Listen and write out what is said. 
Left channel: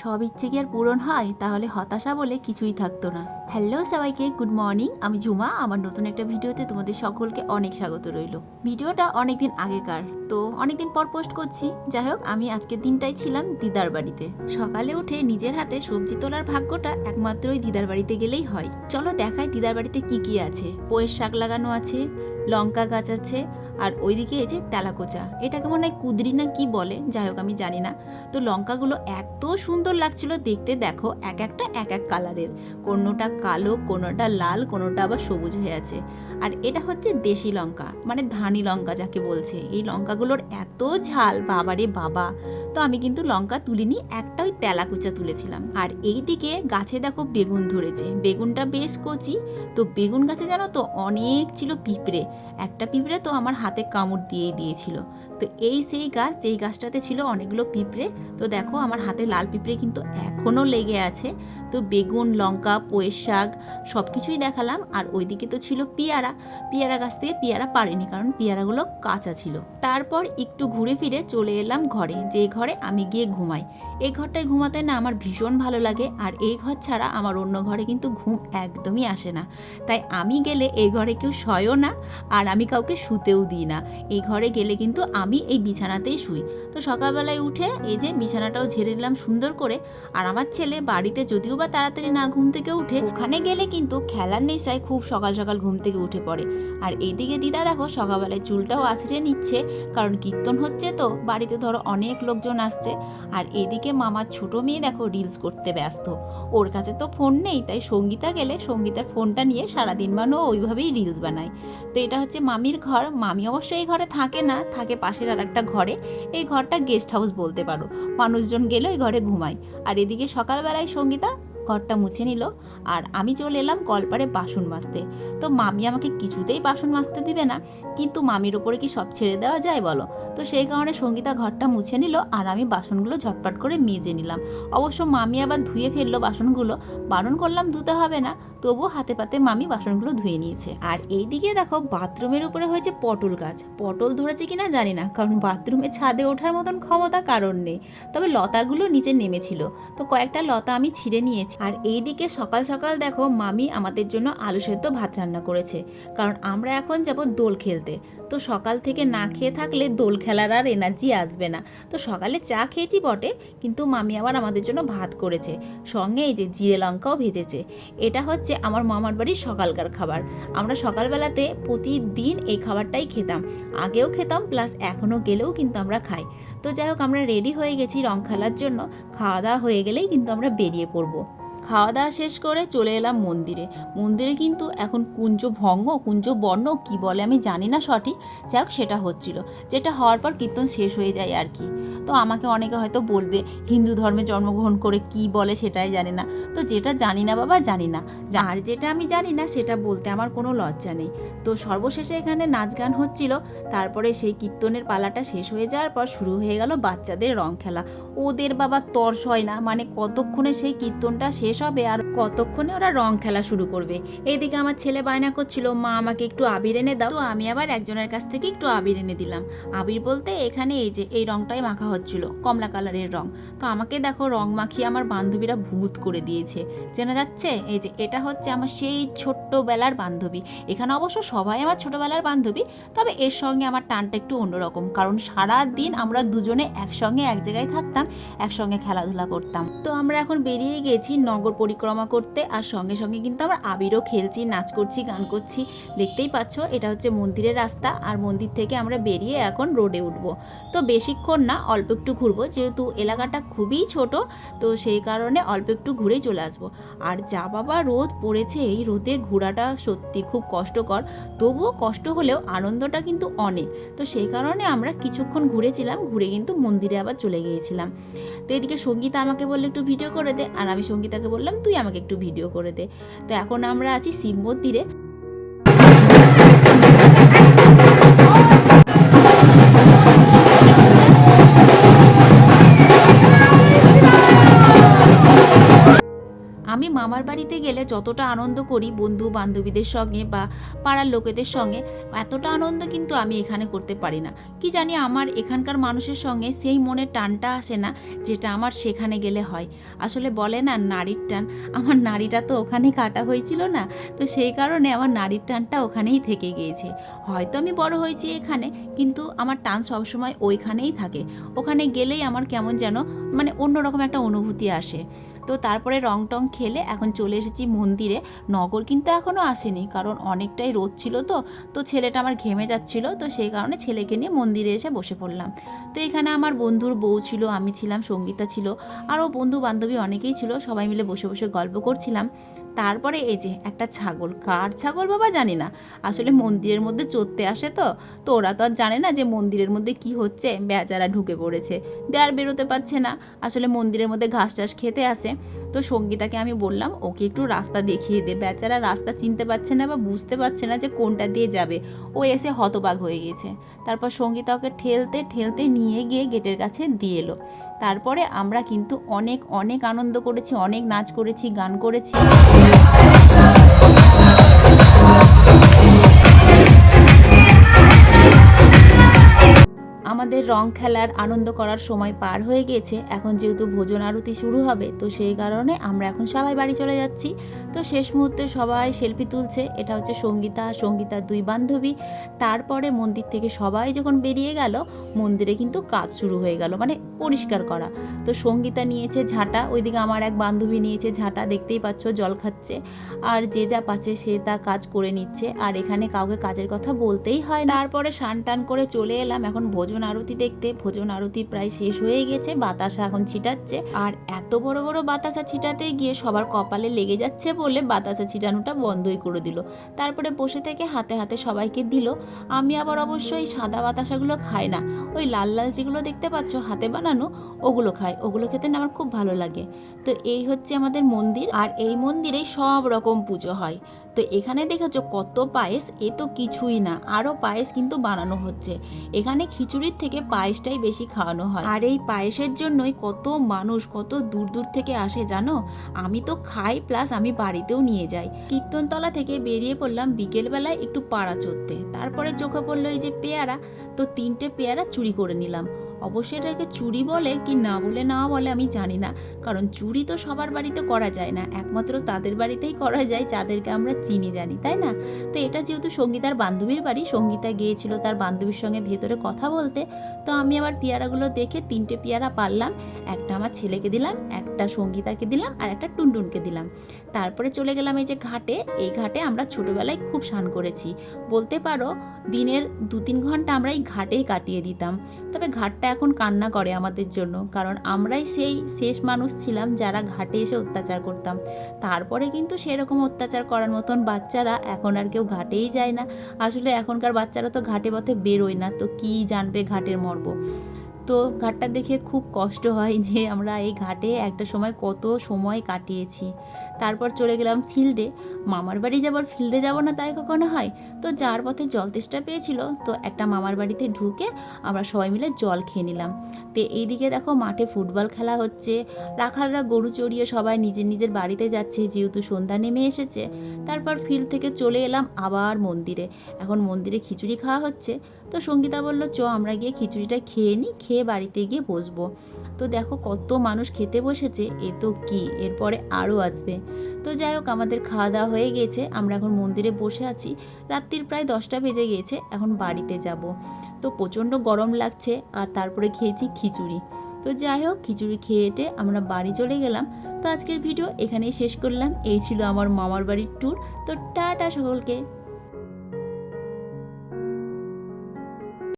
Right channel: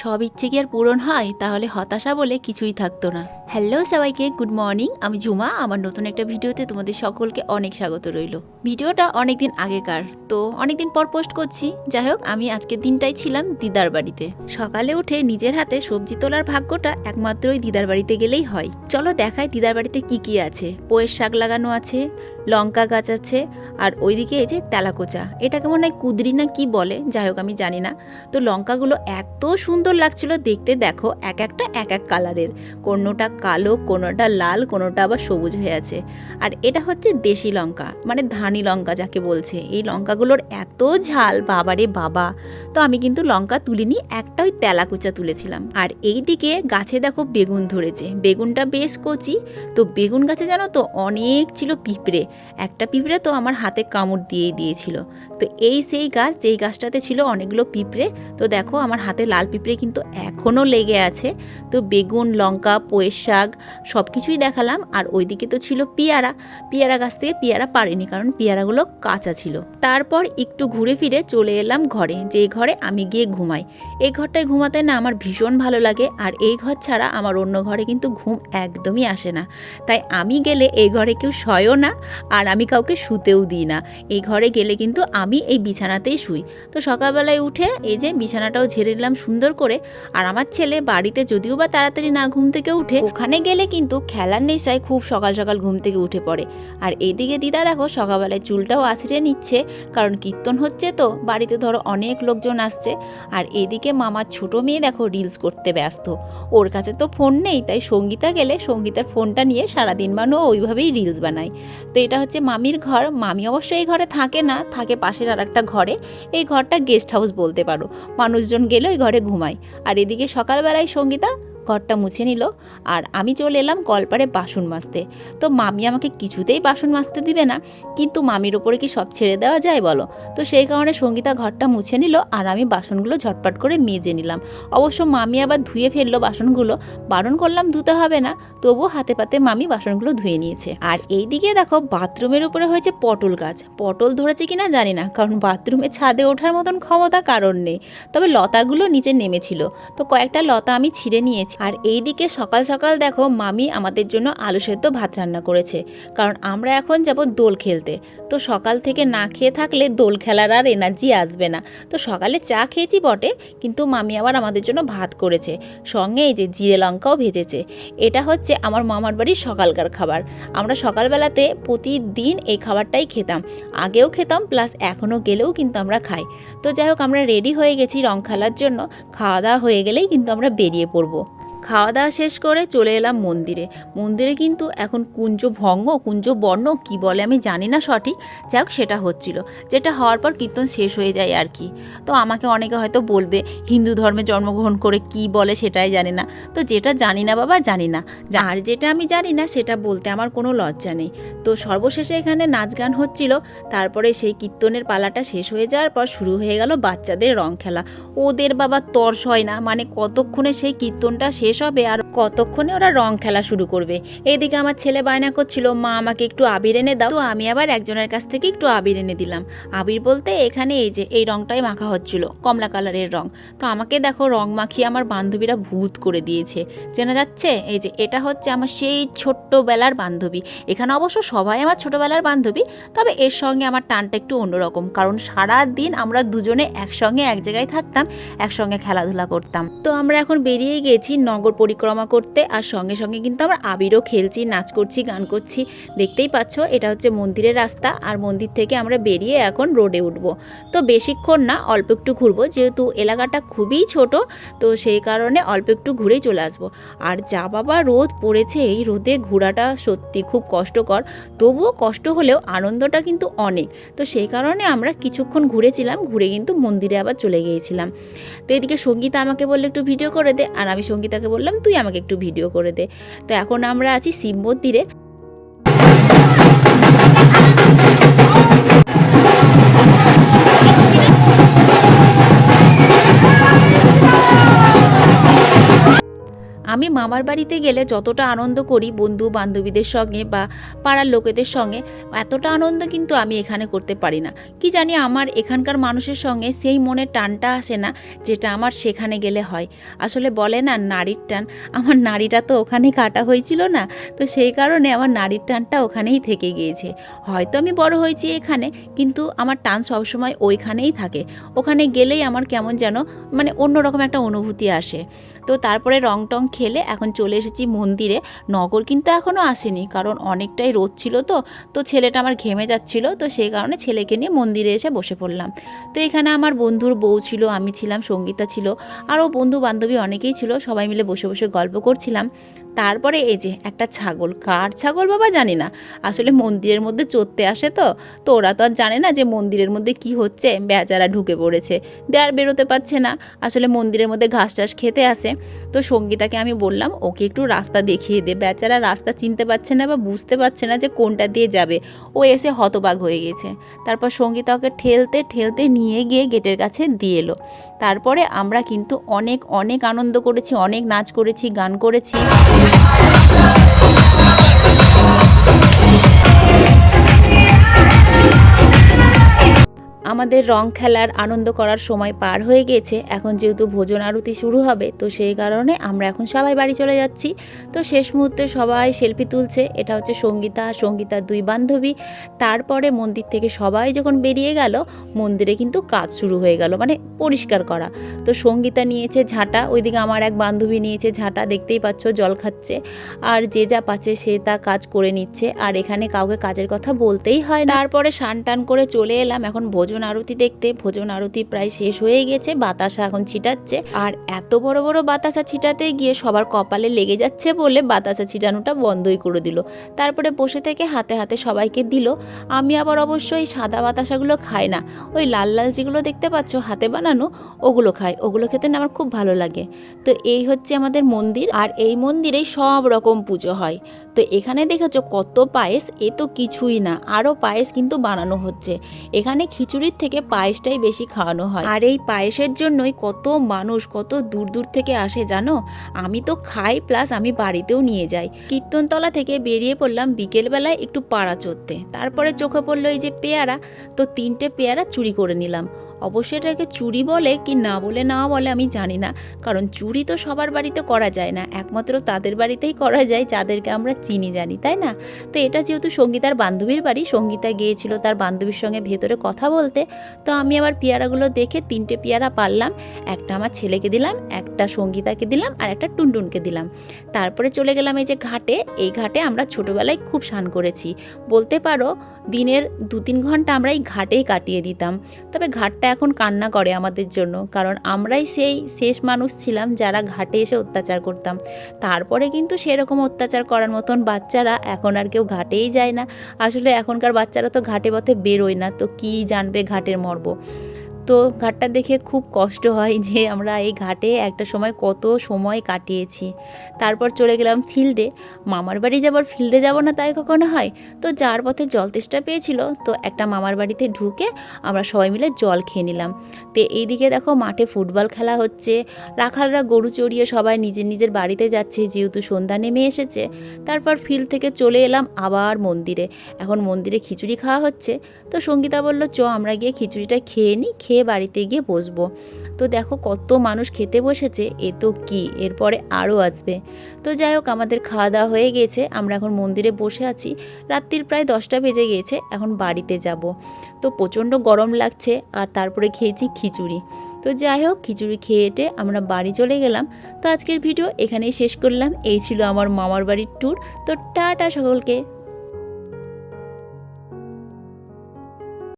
সব ইচ্ছে কি আর পূরণ হয়? তাহলে হতাশা বলে কিছুই থাকতো না। হ্যালো সবাইকে, গুড মর্নিং। আমি ঝুমা। আমার নতুন একটা ভিডিওতে তোমাদের সকলকে অনেক স্বাগত রইল। ভিডিওটা অনেকদিন আগেকার, তো অনেকদিন পর পোস্ট করছি। যাই হোক, আমি আজকের দিনটাই ছিলাম দিদার বাড়িতে। সকালে উঠে নিজের হাতে সবজি তোলার ভাগ্যটা একমাত্রই দিদার বাড়িতে গেলেই হয়। চলো দেখাই দিদার বাড়িতে কি কি আছে। পোয়ের শাক লাগানো আছে, লঙ্কা গাছ আছে, আর ওইদিকে এই যে তেলাকোচা, এটাকে মনে হয় কুদরি না কি বলে, যাই হোক আমি জানি না। তো লঙ্কাগুলো এত সুন্দর লাগছিল দেখতে, দেখো এক একটা এক এক কালারের, কোনোটা কালো, কোনোটা লাল, কোনোটা আবার সবুজ হয়ে আছে। আর এটা হচ্ছে দেশি লঙ্কা, মানে ধানি লঙ্কা যাকে বলছে। এই লঙ্কাগুলোর এত ঝাল, বাবারে বাবা। তো আমি কিন্তু লঙ্কা তুলিনি, একটা ওই তেলাকুচা তুলেছিলাম। আর এই দিকে গাছে দেখো বেগুন ধরেছে, বেগুনটা বেশ কচি। তো বেগুন গাছে জানো তো অনেক ছিল পিঁপড়ে, একটা পিঁপড়ে তো আমার হাতে কামড় দিয়েই দিয়েছিল। তো এই সেই গাছ, যেই গাছটাতে ছিল অনেকগুলো পিঁপড়ে। তো দেখো আমার হাতে লাল পিঁপড়ে কিন্তু এখনও লেগে আছে। তো বেগুন, লঙ্কা, পুঁইয়ের শাক সব কিছুই দেখালাম। আর ওইদিকে তো ছিল পেয়ারা, পেয়ারা গাছ থেকে পেয়ারা পারিনি, কারণ পেয়ারাগুলো কাঁচা ছিল। তারপর একটু ঘুরে ফিরে চলে এলাম ঘরে, যে ঘরে আমি গিয়ে ঘুমাই। এই ঘরটায় ঘুমাতে না আমার ভীষণ ভালো লাগে, আর এই ঘর ছাড়া আমার অন্য ঘরে কিন্তু ঘুম একদমই আসে না। তাই আমি গেলে এই ঘরে কেউ শয়ও না, আর আমি কাউকে শুতেও দিই না। এই ঘরে গেলে কিন্তু আমি এই বিছানাতেই শুই। তো সকালবেলায় উঠে এই যে বিছানাটাও ঝেড়ে নিলাম সুন্দর করে। আর আমার ছেলে বাড়িতে যদিও বা তাড়াতাড়ি না ঘুম থেকে উঠে, ওখানে গেলে কিন্তু খেলার নেশায় খুব সকাল সকাল ঘুম থেকে উঠে পড়ে। আর এইদিকে দিদা দেখো সকালবেলায় চুলটাও আঁচড়ে নিচ্ছে, কারণ কীর্তন হচ্ছে, তো বাড়িতে ধরো অনেক লোকজন আসছে। আর এইদিকে মামার ছোট মেয়ে দেখো রিলস করতে ব্যস্ত, ওর কাছে তো ফোন নেই, তাই সঙ্গীতা গেলে সঙ্গীতার ফোনটা নিয়ে সারাদিন বানো ওইভাবেই রিলস বানায়। তো এটা হচ্ছে মামির ঘর। মামি অবশ্য এই ঘরে থাকে না, থাকে পাশের আর একটা ঘরে। এই ঘরটা গেস্ট হাউস বলতে পারো, মানুষজন গেলে ওই ঘরে ঘুমায়। আর এদিকে সকালবেলায় সঙ্গীতা ঘরটা মুছে নিল, আর আমি চলে এলাম কলপারে বাসন মাজতে। তো মামি আমাকে কিছুতেই বাসন মাজতে দিবে না, কিন্তু মামির ওপরে কি সব ছেড়ে দেওয়া যায় বলো? তো সেই কারণে সঙ্গীতা ঘরটা মুছে নিল, আর আমি বাসনগুলো ঝটপট করে মেজে নিলাম। অবশ্য মামি আবার ধুয়ে ফেললো বাসনগুলো, বারণ করলাম ধুতে হবে না, তবুও হাতে পাতে মামি বাসনগুলো ধুয়ে নিয়েছে। আর এই দিকে দেখো বাথরুমের উপরে হয়েছে পটল গাছ। পটল ধরেছে কিনা জানি না, কারণ বাথরুমে ছাদে ওঠার মতন ক্ষমতা কারণ নেই, তবে লতাগুলো নিচে নেমেছিল, তো কয়েকটা লতা আমি ছিঁড়ে নিয়েছি। আর এই দিকে সকাল সকাল দেখো মামি আমাদের জন্য আলু সেদ্ধ ভাত রান্না করেছে, কারণ আমরা এখন যাব দোল খেলতে। তো সকাল থেকে না খেয়ে থাকলে দোল খেলার আর এনার্জি আসবে না। তো সকালে চা খেয়েছি বটে, কিন্তু মামি আবার আমাদের জন্য ভাত করেছে, সঙ্গে এই যে জিরে লঙ্কাও ভেজেছে। এটা হচ্ছে আমার মামার বাড়ির সকালকার খাবার। আমরা সকালবেলাতে প্রতিদিন এই খাবারটাই খেতাম, আগেও খেতাম, প্লাস এখনও গেলেও কিন্তু আমরা খাই। তো যাই হোক, আমরা রেডি হয়ে গেছি রং খেলার জন্য। খাওয়া দাওয়া হয়ে গেলেই কিন্তু আমরা বেরিয়ে পড়বো। খাওয়া দাওয়া শেষ করে চলে এলাম মন্দিরে। মন্দিরে কিন্তু এখন কুঞ্জ ভঙ্গ, কুঞ্জ বর্ণ কী বলে আমি জানি না সঠিক, যাই হোক সেটা হচ্ছিল, যেটা হওয়ার পর কীর্তন শেষ হয়ে যায় আর কি। তো আমাকে অনেকে হয়তো বলবে হিন্দু ধর্মে জন্মগ্রহণ করে কি বলে সেটাই জানি না। তো যেটা জানি না বাবা জানি না, আর যেটা আমি জানি না সেটা বলতে আমার কোনো লজ্জা নেই। তো সর্বশেষে এখানে নাচ গান হচ্ছিল। তারপরে সেই কীর্তনের পালাটা শেষ হয়ে যাওয়ার পর শুরু হয়ে গেল বাচ্চাদের রং খেলা। ওদের বাবা তর্স হয় না, মানে কতক্ষণে সেই কীর্তনটা শেষ হবে আর কতক্ষণে ওরা রং খেলা শুরু করবে। এইদিকে আমার ছেলে বায়না করছিল মা আমাকে একটু আবির এনে দাও। তো আমি আবার একজনের কাছ থেকে একটু আবির এনে দিলাম। আবির বলতে এখানে এই যে এই রংটাই মাখা হচ্ছিল, কমলা কালারের রং। তো আমাকে দেখো রং মাখিয়ে আমার বান্ধবীরা ভূত করে দিয়েছে, চেনা যাচ্ছে? এই যে এটা হচ্ছে আমার সেই ছোট্টবেলার বান্ধবী। এখানে অবশ্য সবাই আমার ছোটবেলার বান্ধবী, তবে এর সঙ্গে আমার টানটা একটু অন্যরকম, কারণ সারা দিন আমরা দুজনে একসঙ্গে এক জায়গায় থাকতাম, একসঙ্গে খেলাধুলা করতাম। তো আমরা এখন বেরিয়ে গেছি নগর পরিক্রমা করতে, আর সঙ্গে সঙ্গে কিন্তু আমরা আবিরও খেলছি, নাচ করছি, গান করছি। দেখতেই পাচ্ছ এটা হচ্ছে মন্দিরের রাস্তা, আর মন্দির থেকে আমরা বেরিয়ে এখন রোডে উঠবো। তো বেশিক্ষণ না, অল্প একটু ঘুরবো, যেহেতু এলাকাটা খুবই ছোট, তো সেই কারণে অল্প একটু ঘুরেই চলে আসবো। আর যা বাবা রোদ পড়েছে, এই রোদে ঘোরাটা সত্যি খুব কষ্টকর, তবুও কষ্ট হলেও আনন্দটা কিন্তু অনেক। তো সেই কারণে আমরা কিছুক্ষণ ঘুরেছিলাম, ঘুরে কিন্তু মন্দিরে আবার চলে গিয়েছিলাম। তো এদিকে সঙ্গীতা আমাকে বললো একটু ভিডিও করে দে, আর আমি সঙ্গীতাকে বললাম তুই আমাকে একটু ভিডিও করে দে। তো এখন আমরা আছি শিব মন্দিরে। আমি মামার বাড়িতে গেলে যতটা আনন্দ করি বন্ধু বান্ধবীদের সঙ্গে বা পাড়ার লোকেদের সঙ্গে, এতটা আনন্দ কিন্তু আমি এখানে করতে পারি না। কি জানি আমার এখানকার মানুষের সঙ্গে সেই মনের টানটা আসে না যেটা আমার সেখানে গেলে হয়। আসলে বলে না নারীর টান, আমার নাড়িটা তো ওখানেই কাটা হয়েছিল না, তো সেই কারণে আমার নারীর টানটা ওখানেই থেকে গিয়েছে। হয়তো আমি বড় হয়েছি এখানে, কিন্তু আমার টান সবসময় ওইখানেই থাকে। ওখানে গেলেই আমার কেমন যেন মানে অন্যরকম একটা অনুভূতি আসে। তো তারপরে রং টং খেলে এখন চলে এসেছি মন্দিরে। নগর কিন্তু এখনও আসেনি, কারণ অনেকটাই রোদ ছিল, তো ছেলেটা আমার ঘেমে যাচ্ছিল, তো সেই কারণে ছেলেকে নিয়ে মন্দিরে এসে বসে পড়লাম। তো এখানে আমার বন্ধুর বউ ছিল, আমি ছিলাম, সঙ্গীতা ছিল, আরও বন্ধু বান্ধবী অনেকেই ছিল, সবাই মিলে বসে বসে গল্প করছিলাম। তারপরে এই যে একটা ছাগল, কার ছাগল বাবা জানি না, আসলে মন্দিরের মধ্যে চড়তে আসে, তো ওরা তো আর জানে না যে মন্দিরের মধ্যে কি হচ্ছে, বেচারা ঢুকে পড়েছে, আর বেরোতে পারছে না। আসলে মন্দিরের মধ্যে ঘাস টাস খেতে আসে। তো সঙ্গীতাকে আমি বললাম ওকে একটু রাস্তা দেখিয়ে দে, বেচারা রাস্তা চিনতে পারছে না বা বুঝতে পারছে না যে কোনটা দিয়ে যাবে, ও এসে হতবাক হয়ে গেছে। তারপর সঙ্গীতা ওকে ঠেলতে ঠেলতে নিয়ে গিয়ে গেটের কাছে দিয়ে এলো। তারপরে আমরা কিন্তু অনেক অনেক আনন্দ করেছি, অনেক নাচ করেছি, গান করেছি। আমাদের রং খেলার আনন্দ করার সময় পার হয়ে গেছে। এখন যেহেতু ভোজন আরতি শুরু হবে, তো সেই কারণে আমরা এখন সবাই বাড়ি চলে যাচ্ছি। তো শেষ মুহূর্তে সবাই সেলফি তুলছে। এটা হচ্ছে সঙ্গীতার দুই বান্ধবী। তারপরে মন্দির থেকে সবাই যখন বেরিয়ে গেল, মন্দিরে কিন্তু কাজ শুরু হয়ে গেল, মানে পরিষ্কার করা। তো সঙ্গীতা নিয়েছে ঝাঁটা, ওইদিকে আমার এক বান্ধবী নিয়েছে ঝাঁটা, দেখতেই পাচ্ছ জল খাচ্ছে, আর যে যা পাচ্ছে সে তা কাজ করে নিচ্ছে। আর এখানে কাউকে কাজের কথা বলতেই হয় না। তারপরে স্নান টান করে চলে এলাম এখন ভোজন আরতি দেখতে। ভোজন আরতি প্রায় শেষ হয়ে গেছে, বাতাসা এখন ছিটাচ্ছে, আর এত বড় বড় বাতাসা ছিটাতে গিয়ে সবার কপালে লেগে যাচ্ছে বলে বাতাসা ছিটানোটা বন্ধই করে দিল। তারপরে বসে থেকে হাতে হাতে সবাইকে দিল। আমি আবার অবশ্যই সাদা বাতাসাগুলো খাই না, ওই লাল লাল যেগুলো দেখতে পাচ্ছ হাতে বানানো, ওগুলো খাই, ওগুলো খেতে না আমার খুব ভালো লাগে। তো এই হচ্ছে আমাদের মন্দির, আর এই মন্দিরেই সব রকম পুজো হয়। তো এখানে দেখেছো কত পায়েস, এ তো কিছুই না, আরও পায়েস কিন্তু বানানো হচ্ছে। এখানে খিচুড়ির থেকে পায়েসটাই বেশি খাওয়ানো হয়, আর এই পায়েসের জন্যই কত মানুষ কত দূর দূর থেকে আসে জানো। আমি তো খাই, প্লাস আমি বাড়িতেও নিয়ে যাই। কীর্তনতলা থেকে বেরিয়ে পড়লাম বিকেলবেলায় একটু পাড়া চড়তে। তারপরে চোখে পড়লো এই যে পেয়ারা, তো 3টে পেয়ারা চুরি করে নিলাম। অবশ্যই এটাকে চুরি বলে কি না বলে আমি জানি না, কারণ চুরি তো সবার বাড়িতে করা যায় না, একমাত্র তাদের বাড়িতেই করা যায় যাদেরকে আমরা চিনি জানি, তাই না? তো এটা যেহেতু সঙ্গীতার বান্ধবীর বাড়ি, সঙ্গীতা গিয়েছিল তার বান্ধবীর সঙ্গে ভেতরে কথা বলতে, তো আমি আবার পেয়ারাগুলো দেখে 3টে পেয়ারা পারলাম। একটা আমার ছেলেকে দিলাম, একটা সঙ্গীতাকে দিলাম, আর একটা টুনটুনকে দিলাম। তারপরে চলে গেলাম এই যে ঘাটে। এই ঘাটে আমরা ছোটোবেলায় খুব স্নান করেছি, বলতে পারো দিনের 2-3 ঘন্টা আমরা এই ঘাটেই কাটিয়ে দিতাম। তবে ঘাটটা এখন কান্না করে আমাদের জন্য, কারণ আমরাই সেই শেষ মানুষ ছিলাম যারা ঘাটে এসে অত্যাচার করতাম। তারপরে কিন্তু সেরকম অত্যাচার করার মতন বাচ্চারা এখন আর কেউ ঘাটেই যায় না। আসলে এখনকার বাচ্চারা তো ঘাটে পথে বেরোয় না, তো কী জানবে ঘাটের মর্ম। তো ঘাটটা দেখে খুব কষ্ট হয় যে আমরা এই ঘাটে একটা সময় কত সময় কাটিয়েছি। তারপর চলে গেলাম ফিল্ডে। মামার বাড়ি যাবার ফিল্ডে যাব না তাই কখনো হয়? তো যার পথে জল তেষ্টা পেয়েছিল, তো একটা মামার বাড়িতে ঢুকে আমরা সবাই মিলে জল খেয়ে নিলাম। তো এইদিকে দেখো মাঠে ফুটবল খেলা হচ্ছে, রাখালরা গরু চড়িয়ে সবাই নিজের নিজের বাড়িতে যাচ্ছে যেহেতু সন্ধ্যা নেমে এসেছে। তারপর ফিল্ড থেকে চলে এলাম আবার মন্দিরে। এখন মন্দিরে খিচুড়ি খাওয়া হচ্ছে, তো সঙ্গীতা বলল চ আমরা গিয়ে খিচুড়িটা খেয়ে নিই, খেয়ে বাড়িতে গিয়ে বসবো। তো দেখো কত মানুষ খেতে বসেছে, এ তো কি, এরপরে আরও আসবে। তো যাই হোক আমাদের খাওয়া দাওয়া হয়ে গেছে, আমরা এখন মন্দিরে বসে আছি। রাত্রির প্রায় 10টা বেজে গিয়েছে, এখন বাড়িতে যাব। তো প্রচণ্ড গরম লাগছে, আর তারপরে খেয়েছি খিচুড়ি। তো যাই হোক খিচুড়ি খেয়ে আমরা বাড়ি চলে গেলাম। তো আজকের ভিডিও এখানেই শেষ করলাম। এই ছিল আমার মামার বাড়ির ট্যুর। তো টাটা সকলকে।